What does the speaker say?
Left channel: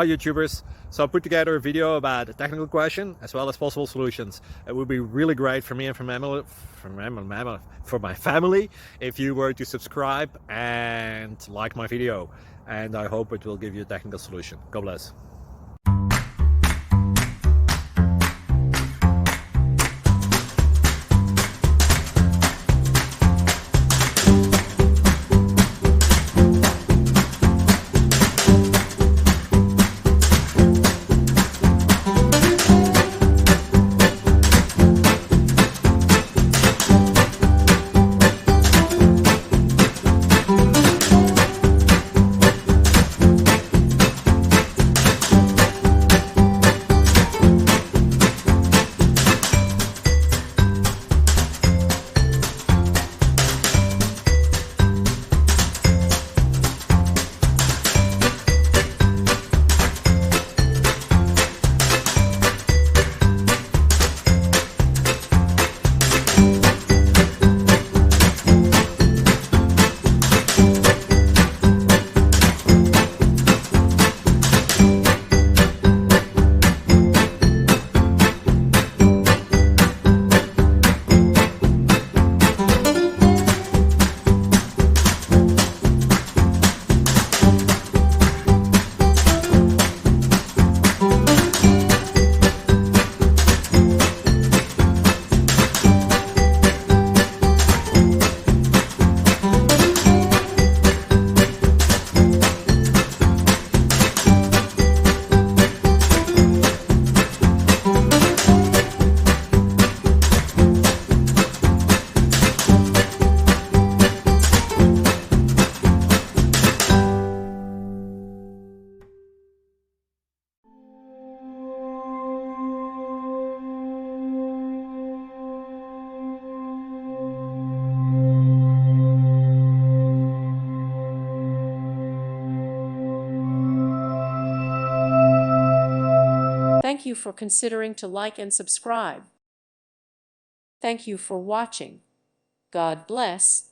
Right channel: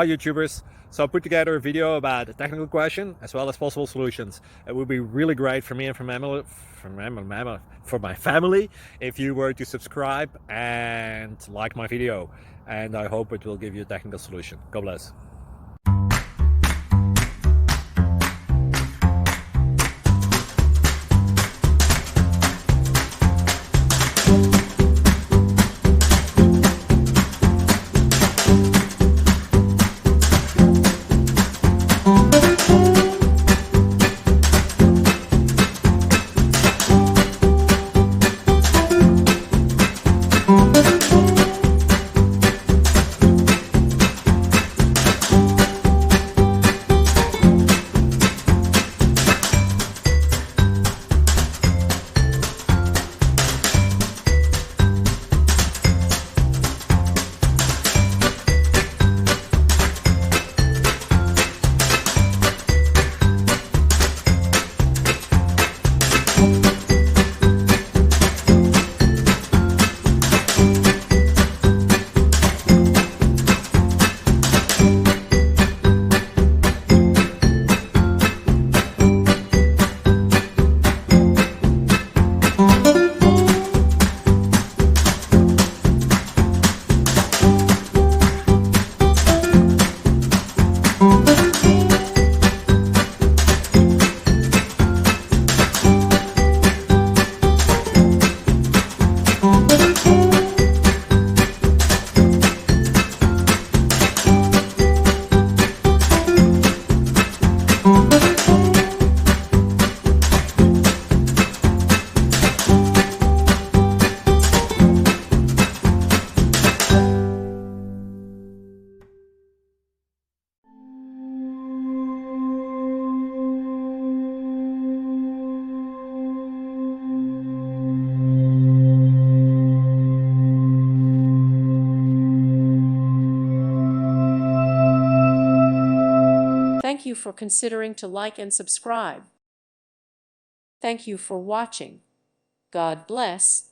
Hi YouTubers! So I put together a video about a technical question as well as possible solutions. It would be really great for me and for my family if you were to subscribe and like my video, and I hope it will give you a technical solution. God bless. Thank you for considering to like and subscribe. Thank you for watching. God bless.